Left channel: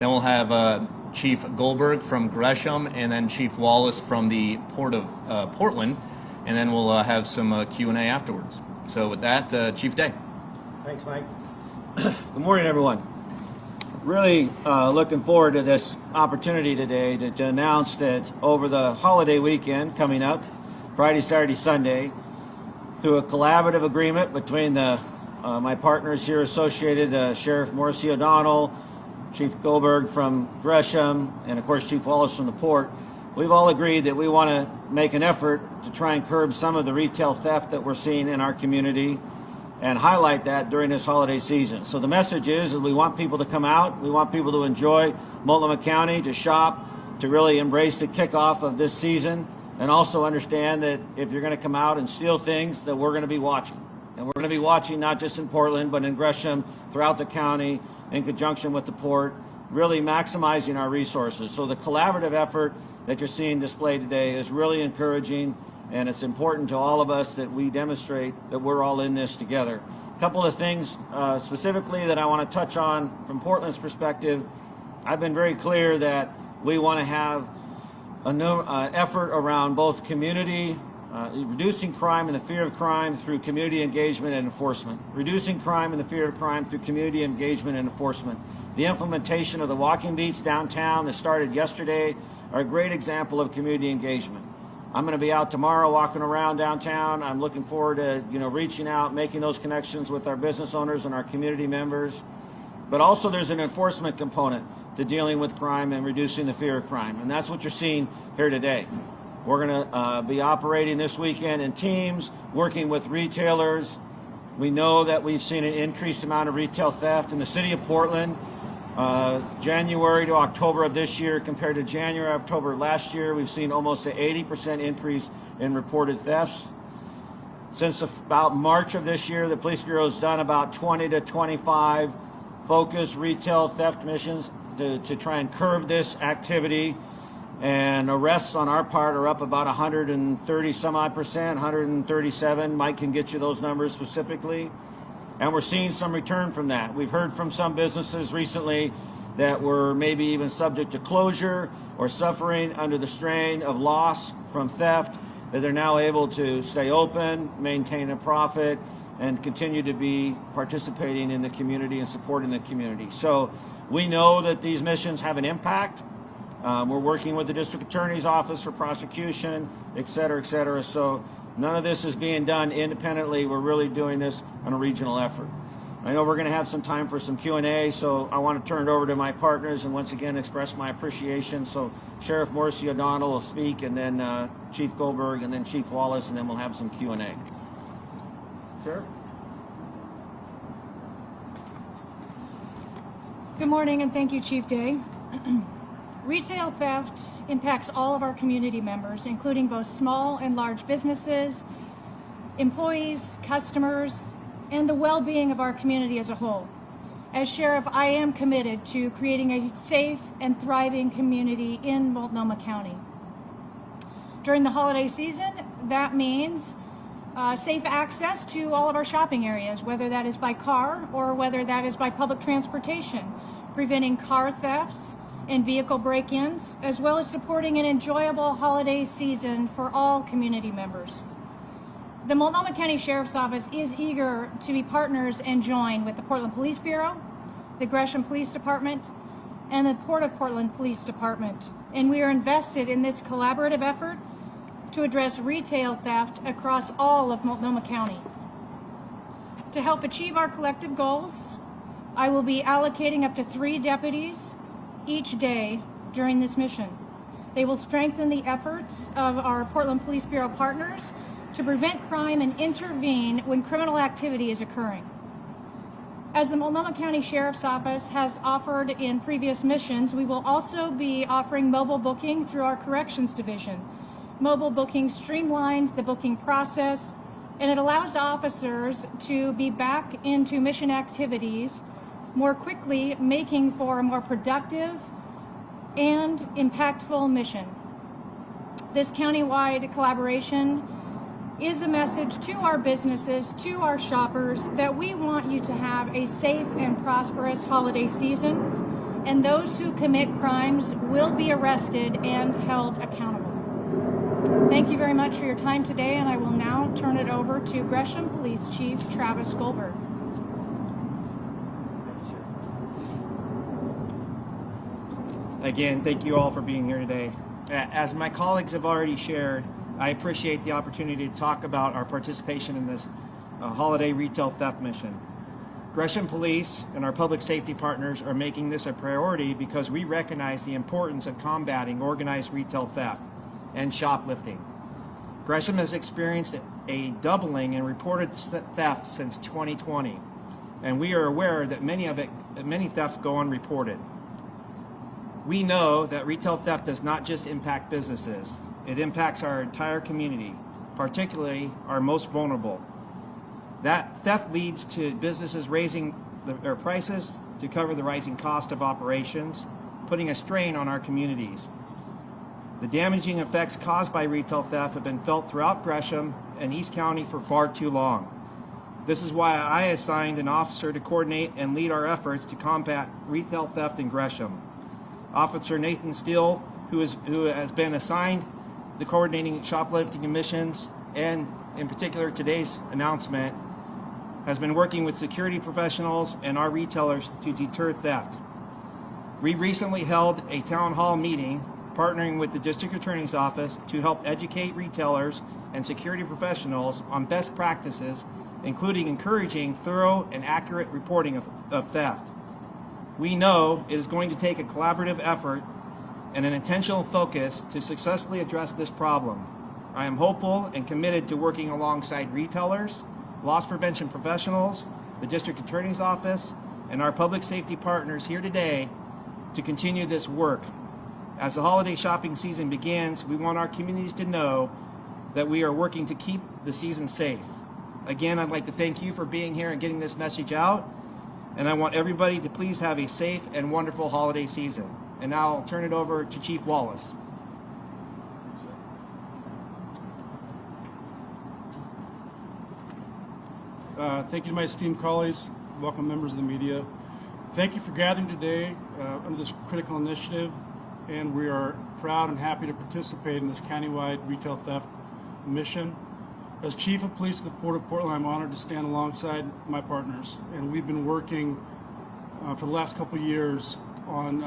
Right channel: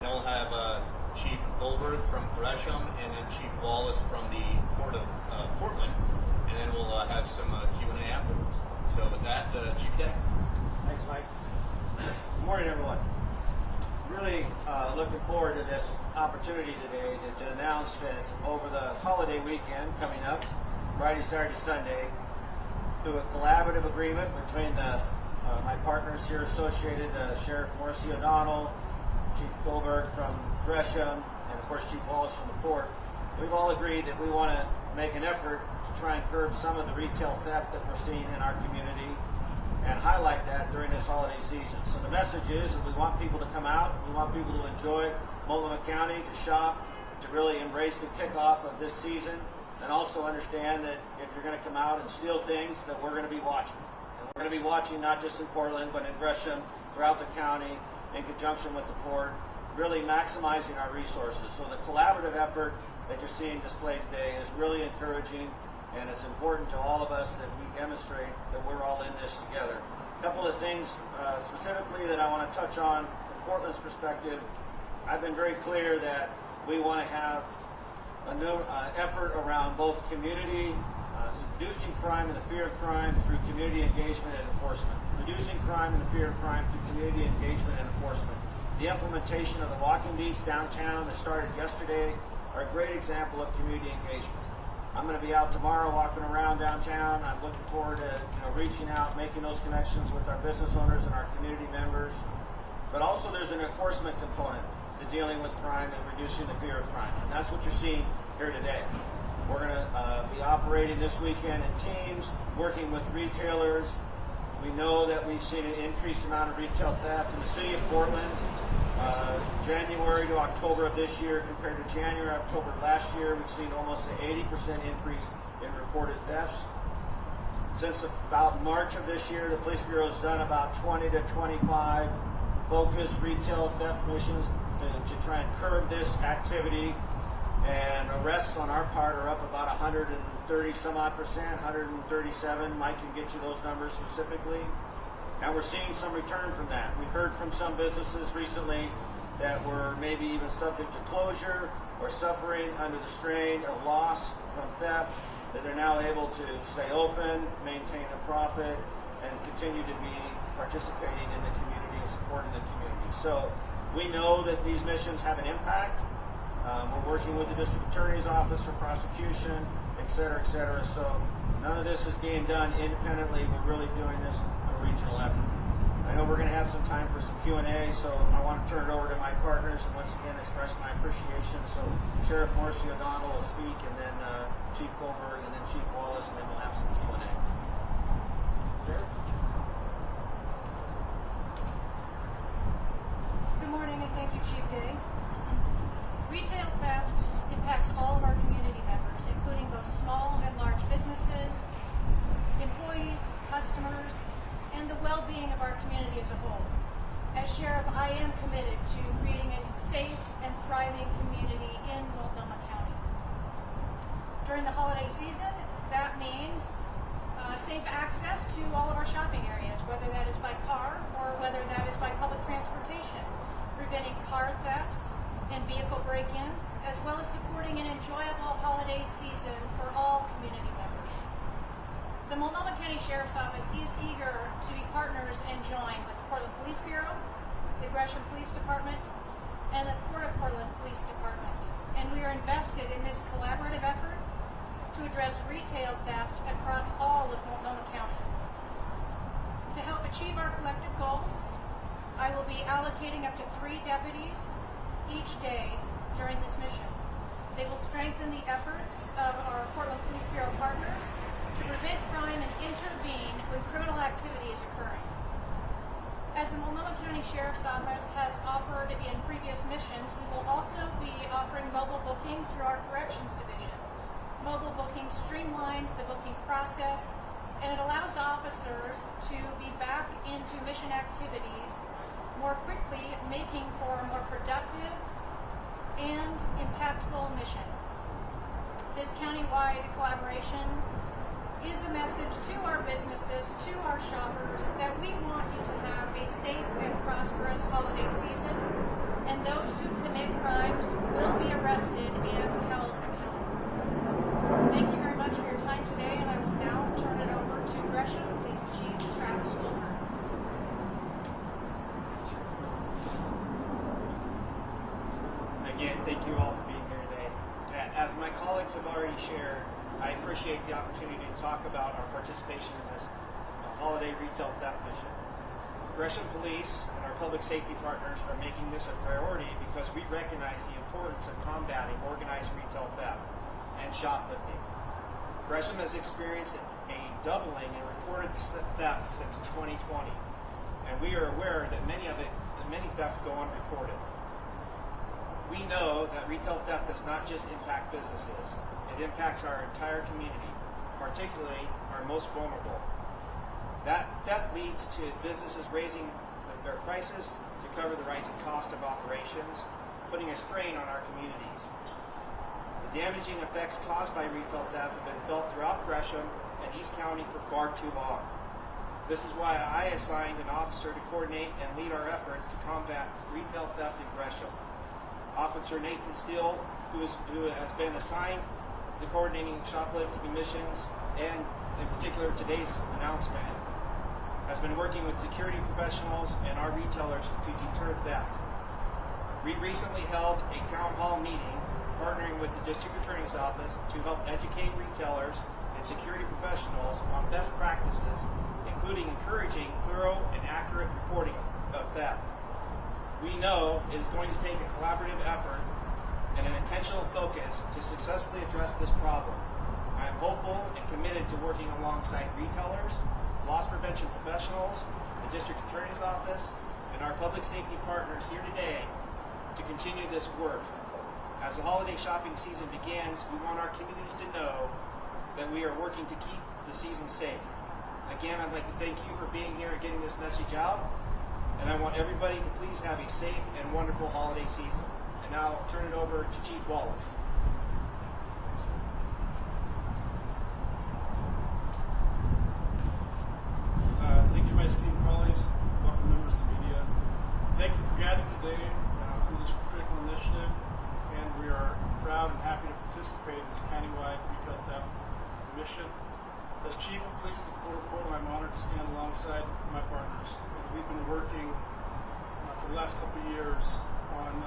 Then we'll have Chief Goldberg from Gresham, and then Chief Wallace from the Port of Portland, and then we'll have some Q&A afterwards. So with that, Chief Day. Thanks, Mike. Good morning, everyone. Really looking forward to this opportunity today to announce that over the holiday weekend coming up, Friday, Saturday, Sunday, through a collaborative agreement between my partners here associated, Sheriff Morrissey O'Donnell, Chief Goldberg from Gresham, and of course Chief Wallace from the Port, we've all agreed that we want to make an effort to try and curb some of the retail theft that we're seeing in our community and highlight that during this holiday season. So the message is that we want people to come out, we want people to enjoy Multnomah County, to shop, to really embrace the kickoff of this season, and also understand that if you're going to come out and steal things, that we're going to be watching. And we're going to be watching not just in Portland, but in Gresham, throughout the county, in conjunction with the Port, really maximizing our resources. So the collaborative effort that you're seeing displayed today is really encouraging, and it's important to all of us that we demonstrate that we're all in this together. A couple of things specifically that I want to touch on from Portland's perspective. I've been very clear that we want to have an effort around both community, reducing crime and the fear of crime through community engagement and enforcement. Reducing crime and the fear of crime through community engagement and enforcement. The implementation of the walking beats downtown that started yesterday are a great example of community engagement. I'm going to be out tomorrow walking around downtown. I'm looking forward to reaching out, making those connections with our business owners and our community members. But also there's an enforcement component to dealing with crime and reducing the fear of crime. And that's what you're seeing here today. We're going to be operating this weekend in teams, working with retailers. We know that we've seen an increased amount of retail theft in the city of Portland. January to October of this year compared to January, October last year, we've seen almost an 80% increase in reported thefts. Since about March of this year, the Police Bureau has done about 20 to 25 focused retail theft missions to try and curb this activity. And arrests on our part are up about 130 some odd percent, 137. Mike can get you those numbers specifically. And we're seeing some return from that. We've heard from some businesses recently that were maybe even subject to closure or suffering under the strain of loss from theft, that they're now able to stay open, maintain a profit, and continue to be participating in the community and supporting the community. So we know that these missions have an impact. We're working with the district attorney's office for prosecution, et cetera, et cetera. So none of this is being done independently. We're really doing this on a regional effort. I know we're going to have some time for some Q&A, so I want to turn it over to my partners and once again express my appreciation. So Sheriff Morrissey O'Donnell will speak, and then Chief Goldberg, and then Chief Wallace, and then we'll have some Q&A. Sheriff? Good morning, and thank you, Chief Day. Retail theft impacts all of our community members, including both small and large businesses, employees, customers, and the well-being of our community as a whole. As Sheriff, I am committed to creating a safe and thriving community in Multnomah County. During the holiday season, that means safe access to all of our shopping areas, whether that is by car or whether that is by public transportation, preventing car thefts and vehicle break-ins, as well as supporting an enjoyable holiday season for all community members. The Multnomah County Sheriff's Office is eager to be partners and join with the Portland Police Bureau, the Gresham Police Department, and the Port of Portland Police Department. And we are invested in this collaborative effort to address retail theft across all of Multnomah County. To help achieve our collective goals, I will be allocating up to 3 deputies each day during this mission. They will strengthen the efforts of our Portland Police Bureau partners to prevent crime and intervene when criminal activity is occurring. As the Multnomah County Sheriff's Office has offered in previous missions, we will also be offering mobile booking through our Corrections Division. Mobile booking streamlines the booking process, and it allows officers to be back into mission activities more quickly, making for a more productive and impactful mission. This countywide collaboration is a message to our businesses, to our shoppers, that we want you to have a safe and prosperous holiday season, and those who commit crimes will be arrested and held accountable. Thank you very much for your time today, and I will now turn it over to Gresham Police Chief Travis Goldberg. Again, thank you all for being here today. As my colleagues have already shared, I appreciate the opportunity to talk about our participation in this holiday retail theft mission. Gresham Police and our public safety partners are making this a priority because we recognize the importance of combating organized retail theft and shoplifting. Gresham has experienced a doubling in reported theft since 2020, and we are aware that many thefts go unreported. We know that retail theft does not just impact businesses, it impacts our entire community, particularly our most vulnerable. That theft leads to businesses raising their prices to cover the rising cost of operations, putting a strain on our communities. The damaging effects caused by retail theft have been felt throughout Gresham and East County for far too long. This is why I assigned an officer to coordinate and lead our efforts to combat retail theft in Gresham. Officer Nathan Steele, who has been assigned the coordinating shoplifting missions, and in particular today's announcement, has been working with security professionals and our retailers to deter theft. We recently held a town hall meeting partnering with the District Attorney's Office to help educate retailers and security professionals on best practices, including encouraging thorough and accurate reporting of theft. We know it is going to take a collaborative effort and an intentional focus to successfully address this problem. I am hopeful and committed to working alongside retailers, loss prevention professionals, the District Attorney's Office, and our public safety partners here today to continue this work. As the holiday shopping season begins, we want our communities to know that we are working to keep the season safe. Again, I'd like to thank you for being here and getting this message out, and I want everybody to please have a safe and wonderful holiday season. And now I'll turn it over to Chief Wallace. Thank you to my esteemed colleagues, welcome members of the media. Thank you for gathering today under this critical initiative, and we are proud and happy to participate in this countywide retail theft mission. As Chief of Police of the Port of Portland, I'm honored to stand alongside my partners, and we've been working for the last couple of years on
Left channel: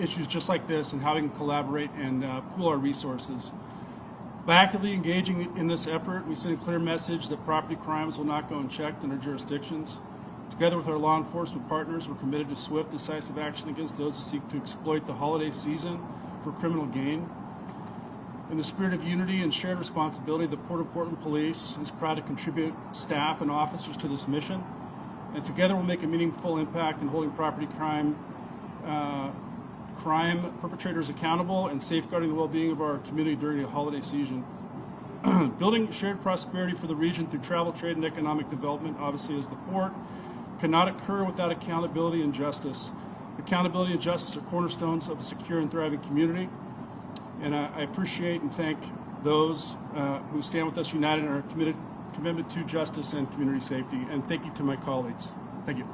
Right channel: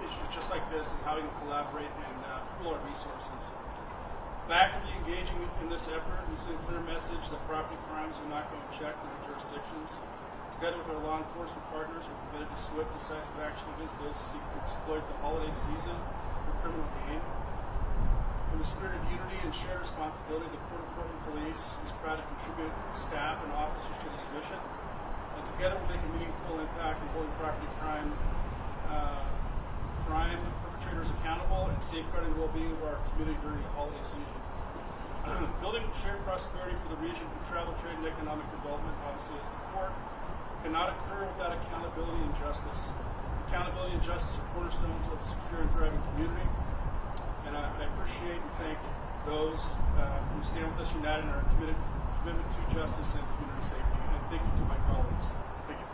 issues just like this and how we can collaborate and pool our resources. By actively engaging in this effort, we send a clear message that property crimes will not go unchecked in our jurisdictions. Together with our law enforcement partners, we're committed to swift, decisive action against those who seek to exploit the holiday season for criminal gain. In the spirit of unity and shared responsibility, the Port of Portland Police is proud to contribute staff and officers to this mission. And together we'll make a meaningful impact in holding property crime perpetrators accountable and safeguarding the well-being of our community during the holiday season. Building shared prosperity for the region through travel, trade, and economic development, obviously, as the port, cannot occur without accountability and justice. Accountability and justice are cornerstones of a secure and thriving community. And I appreciate and thank those who stand with us united in our commitment to justice and community safety. And thank you to my colleagues. Thank you.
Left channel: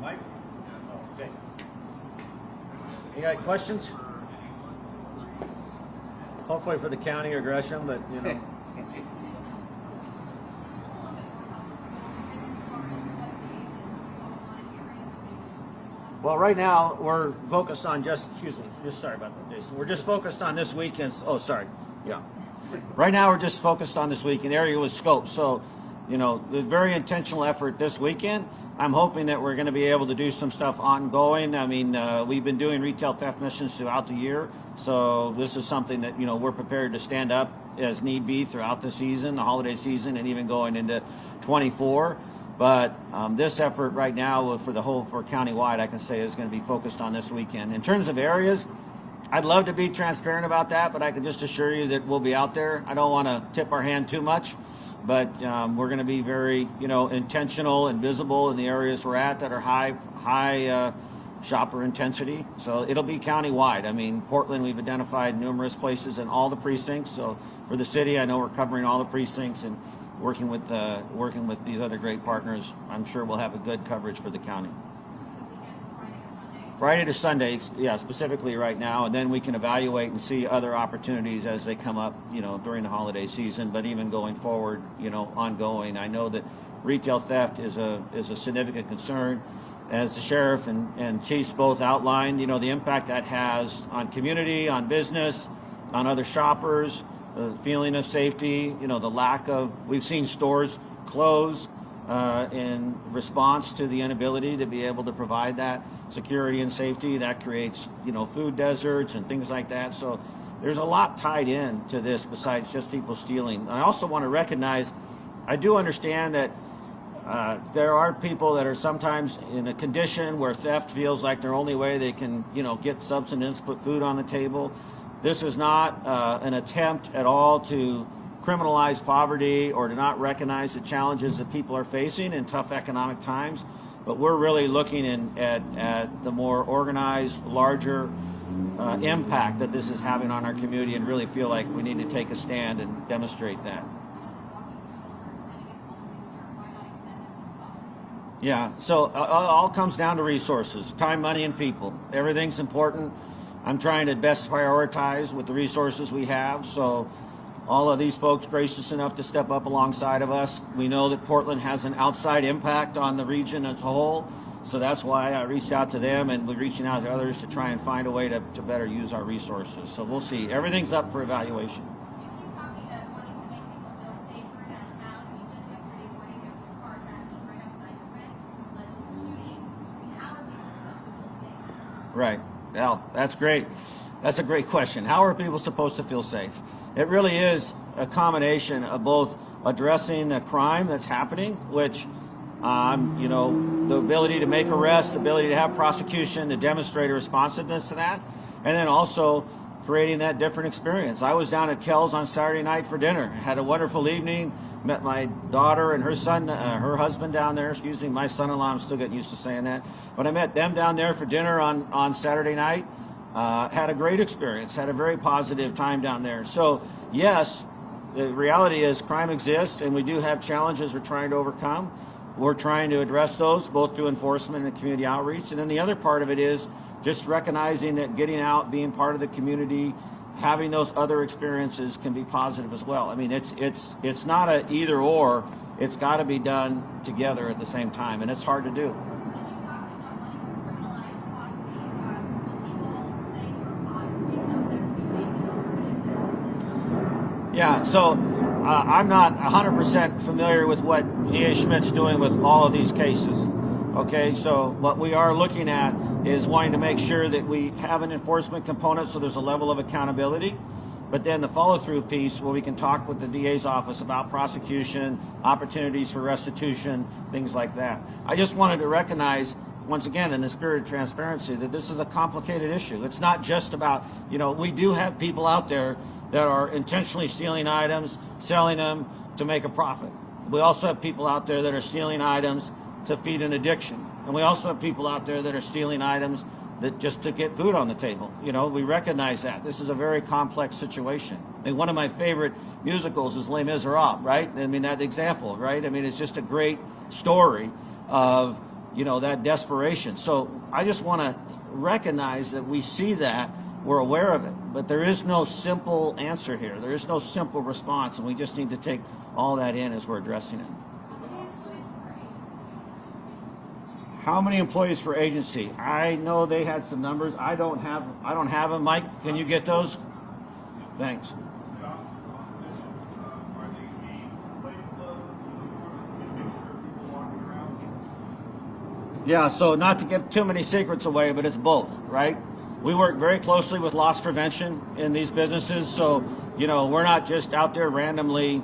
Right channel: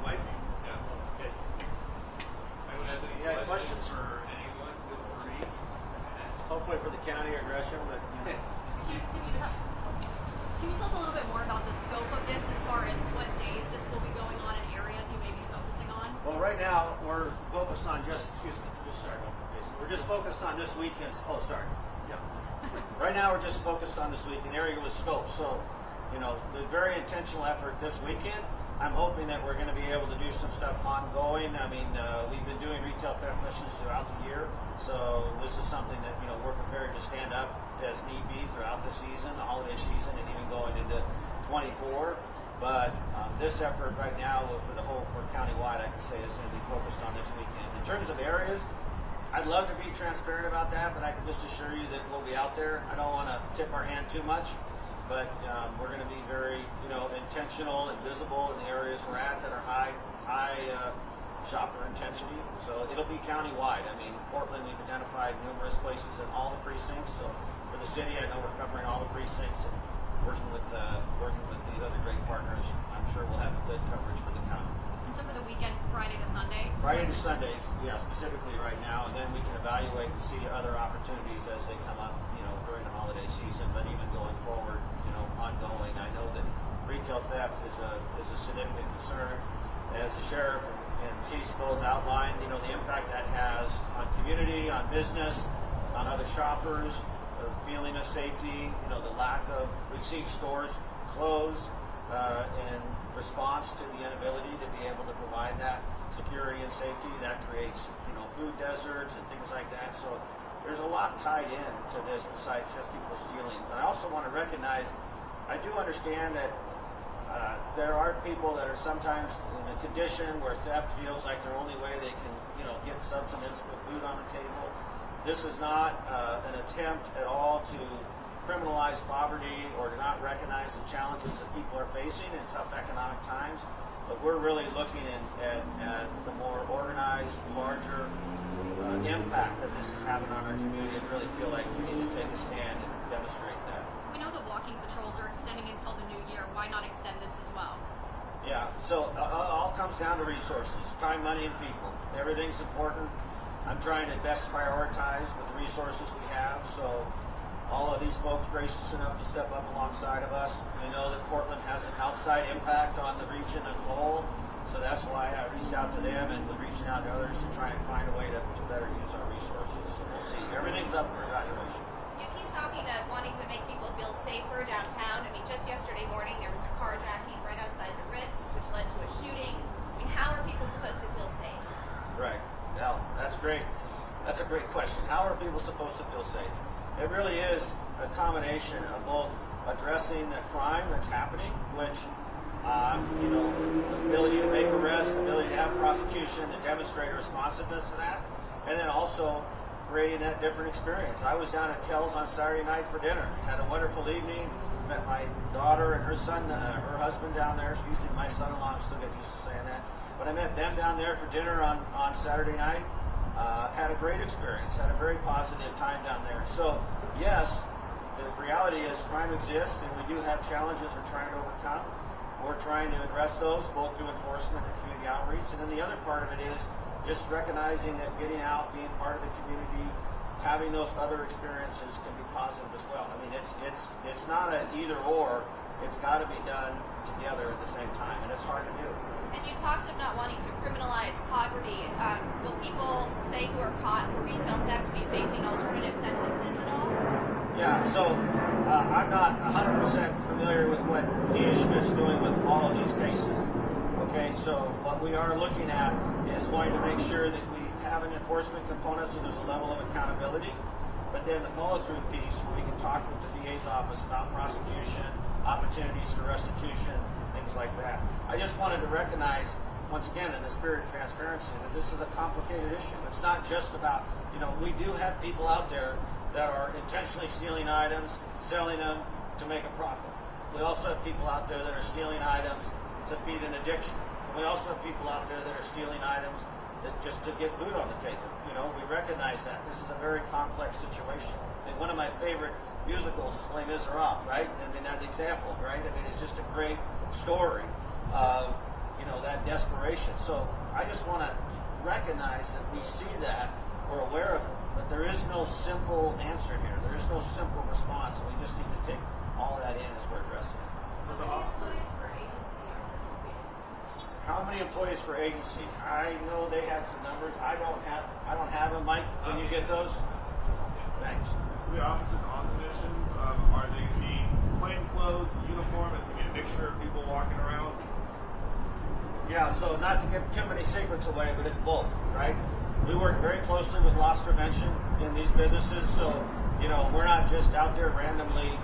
Mike? Okay. You got questions? Hopefully for the county or Gresham, but you know. Chief, can you tell us a little bit more about the scope of this as far as what days this will be going on and areas you may be focusing on? Well, right now we're focused on sorry about that, Jason. We're just focused on this weekend. Oh, sorry. Yeah. Right now we're just focused on this weekend. The area was scoped. So, you know, the very intentional effort this weekend. I'm hoping that we're going to be able to do some stuff ongoing. I mean, we've been doing retail theft missions throughout the year. So this is something that, you know, we're prepared to stand up as need be throughout the season, the holiday season, and even going into 24. But this effort right now for countywide, I can say is going to be focused on this weekend. In terms of areas, I'd love to be transparent about that, but I can just assure you that we'll be out there. I don't want to tip our hand too much, but we're going to be very, you know, intentional and visible in the areas we're at that are high shopper intensity. So it'll be countywide. I mean, Portland, we've identified numerous places in all the precincts. So for the city, I know we're covering all the precincts, and working with these other great partners, I'm sure we'll have a good coverage for the county. And so for the weekend, Friday to Sunday? Friday to Sunday, yeah, specifically right now, and then we can evaluate and see other opportunities as they come up, during the holiday season, but even going forward, ongoing. I know that retail theft is a significant concern. As the sheriff and chiefs both outlined, the impact that has on community, on business, on other shoppers, the feeling of safety, the lack of, we've seen stores close in response to the inability to be able to provide that security and safety. That creates, food deserts and things like that. So there's a lot tied in to this besides just people stealing. I also want to recognize, I do understand that there are people that are sometimes in a condition where theft feels like their only way they can, get subsistence, put food on the table. This is not an attempt at all to criminalize poverty or to not recognize the challenges that people are facing in tough economic times. But we're really looking at the more organized, larger impact that this is having on our community, and really feel like we need to take a stand and demonstrate that. We know that walking patrols are extending until the new year. Why not extend this as well? Yeah, so it all comes down to resources, time, money, and people. Everything's important. I'm trying to best prioritize with the resources we have. So all of these folks gracious enough to step up alongside of us. We know that Portland has an outside impact on the region as a whole. So that's why I reached out to them, and we're reaching out to others to try and find a way to better use our resources. So we'll see. Everything's up for evaluation. You keep talking to wanting to make people feel safer downtown. I mean, just yesterday morning there was a carjacking right outside the Ritz, which led to a shooting. I mean, how are people supposed to feel safe? Right. Well, that's great. That's a great question. How are people supposed to feel safe? It really is a combination of both addressing the crime that's happening, which, the ability to make arrests, the ability to have prosecution, to demonstrate a responsiveness to that, and then also creating that different experience. I was down at Kel's on Saturday night for dinner, had a wonderful evening, met my daughter and her son, her husband down there, my son-in-law, I'm still getting used to saying that, but I met them down there for dinner on Saturday night. Had a great experience, had a very positive time down there. So yes, the reality is crime exists, and we do have challenges we're trying to overcome. We're trying to address those both through enforcement and community outreach. And then the other part of it is just recognizing that getting out, being part of the community, having those other experiences can be positive as well. I mean, it's not a either or. It's got to be done together at the same time, and it's hard to do. And you talked of not wanting to criminalize poverty. Will people, say, who are caught for retail theft be facing alternative sentences at all? Yeah, so I'm not 100% familiar with what DA Schmidt's doing with all of these cases. Okay, so what we are looking at is wanting to make sure that we have an enforcement component so there's a level of accountability, but then the follow-through piece where we can talk with the DA's office about prosecution, opportunities for restitution, things like that. I just wanted to recognize, once again, in the spirit of transparency, that this is a complicated issue. It's not just about, we do have people out there that are intentionally stealing items, selling them to make a profit. We also have people out there that are stealing items to feed an addiction. And we also have people out there that are stealing items that just to get food on the table. We recognize that. This is a very complex situation. And one of my favorite musicals is Les Miserables, right? I mean, that example, right? I mean, it's just a great story of, that desperation. So I just want to recognize that we see that, we're aware of it, but there is no simple answer here. There is no simple response, and we just need to take all that in as we're addressing it. How many employees for agency? I know they had some numbers. I don't have them. Mike, can you get those? Thanks. So the officers on the missions, are they in plainclothes, uniform? Is it going to be a mixture of people walking around? Yeah, so not to give too many secrets away, but it's both, right? We work very closely with loss prevention in these businesses, so we're not just out there randomly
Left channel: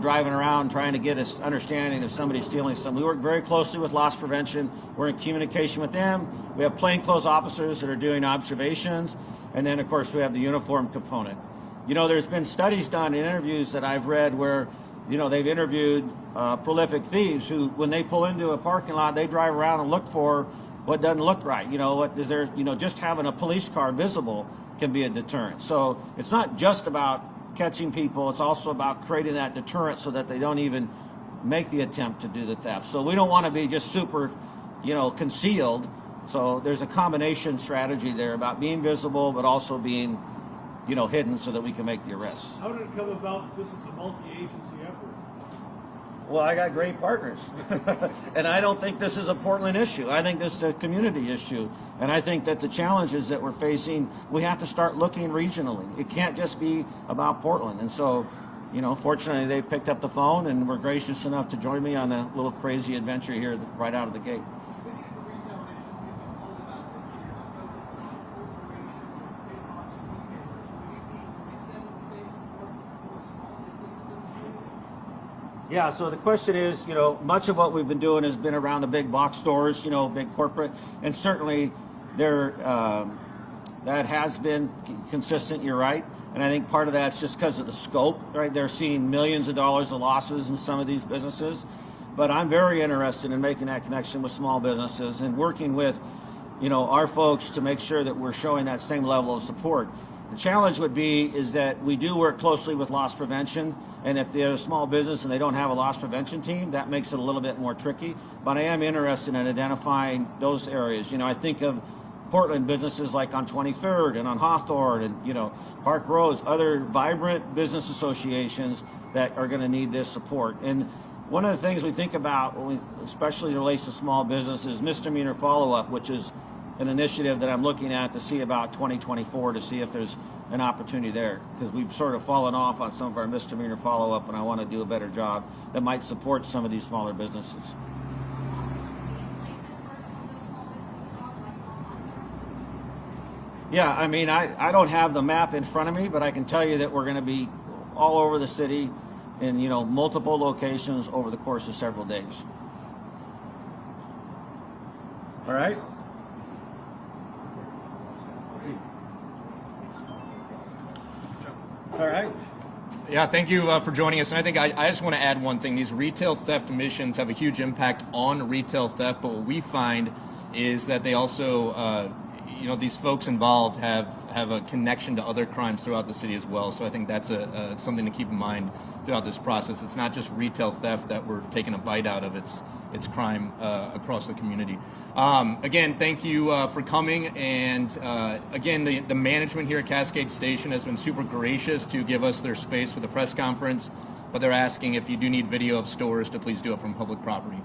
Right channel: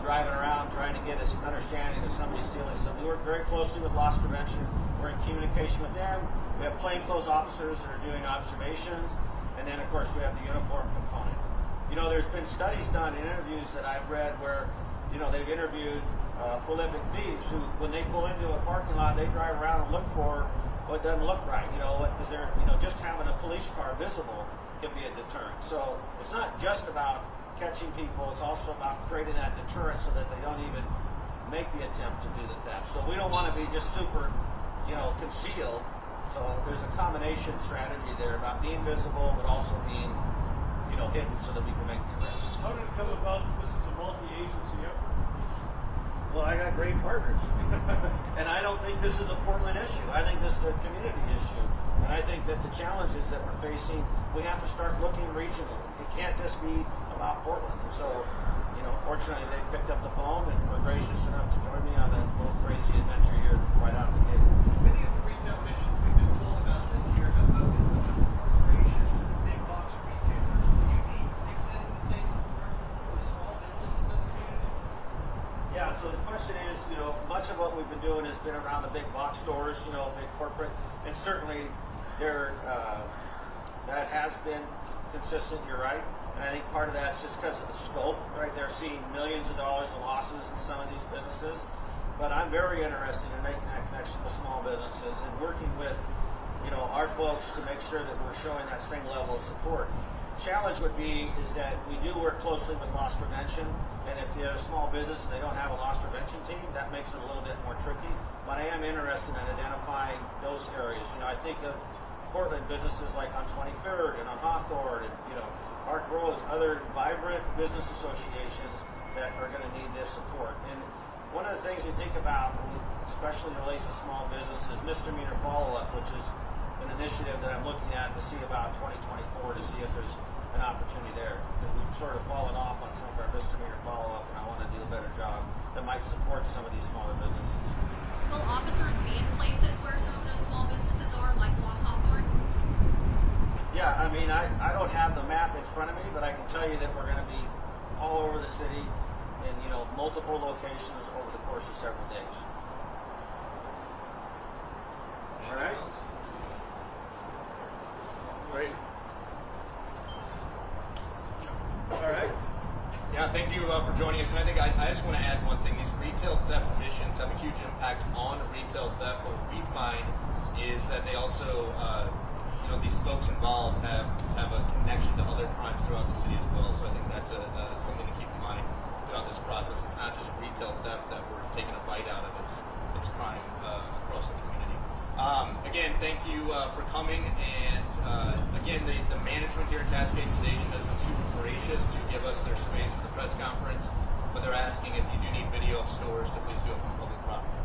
driving around trying to get us understanding if somebody's stealing something. We work very closely with loss prevention. We're in communication with them. We have plainclothes officers that are doing observations, and then of course we have the uniform component. There's been studies done in interviews that I've read where they've interviewed prolific thieves who, when they pull into a parking lot, they drive around and look for what doesn't look right. What is there? Just having a police car visible can be a deterrent. So it's not just about catching people. It's also about creating that deterrent so that they don't even make the attempt to do the theft. So we don't want to be just super, concealed. So there's a combination strategy there about being visible, but also being, hidden so that we can make the arrests. How did it come about that this is a multi-agency effort? Well, I got great partners. And I don't think this is a Portland issue. I think this is a community issue. And I think that the challenges that we're facing, we have to start looking regionally. It can't just be about Portland. And so, fortunately they picked up the phone and were gracious enough to join me on a little crazy adventure here right out of the gate. Many of the retail missions we've been told about this year have focused on corporations and big box retailers. Will you be extending the same support for small businesses in the community? Yeah, so the question is, much of what we've been doing has been around the big box stores, big corporate, and certainly that has been consistent, you're right. And I think part of that's just because of the scope, right? They're seeing millions of dollars of losses in some of these businesses. But I'm very interested in making that connection with small businesses and working with, our folks to make sure that we're showing that same level of support. The challenge would be is that we do work closely with loss prevention, and if they're a small business and they don't have a loss prevention team, that makes it a little bit more tricky. But I am interested in identifying those areas. I think of Portland businesses like on 23rd and on Hawthorne and Park Roads, other vibrant business associations that are going to need this support. And one of the things we think about, especially relates to small businesses, misdemeanor follow-up, which is an initiative that I'm looking at to see about 2024 to see if there's an opportunity there, because we've sort of fallen off on some of our misdemeanor follow-up, and I want to do a better job that might support some of these smaller businesses. Will officers be in places where some of those small businesses are, like along Hawthorne? Yeah, I don't have the map in front of me, but I can tell you that we're going to be all over the city in multiple locations over the course of several days. All right. All right. Yeah, thank you for joining us. And I think I just want to add one thing. These retail theft missions have a huge impact on retail theft, but what we find is that they also, these folks involved have a connection to other crimes throughout the city as well. So I think that's something to keep in mind throughout this process. It's not just retail theft that we're taking a bite out of. It's crime across the community. Again, thank you for coming, and again, the management here at Cascade Station has been super gracious to give us their space for the press conference, but they're asking if you do need video of stores to please do it from public property.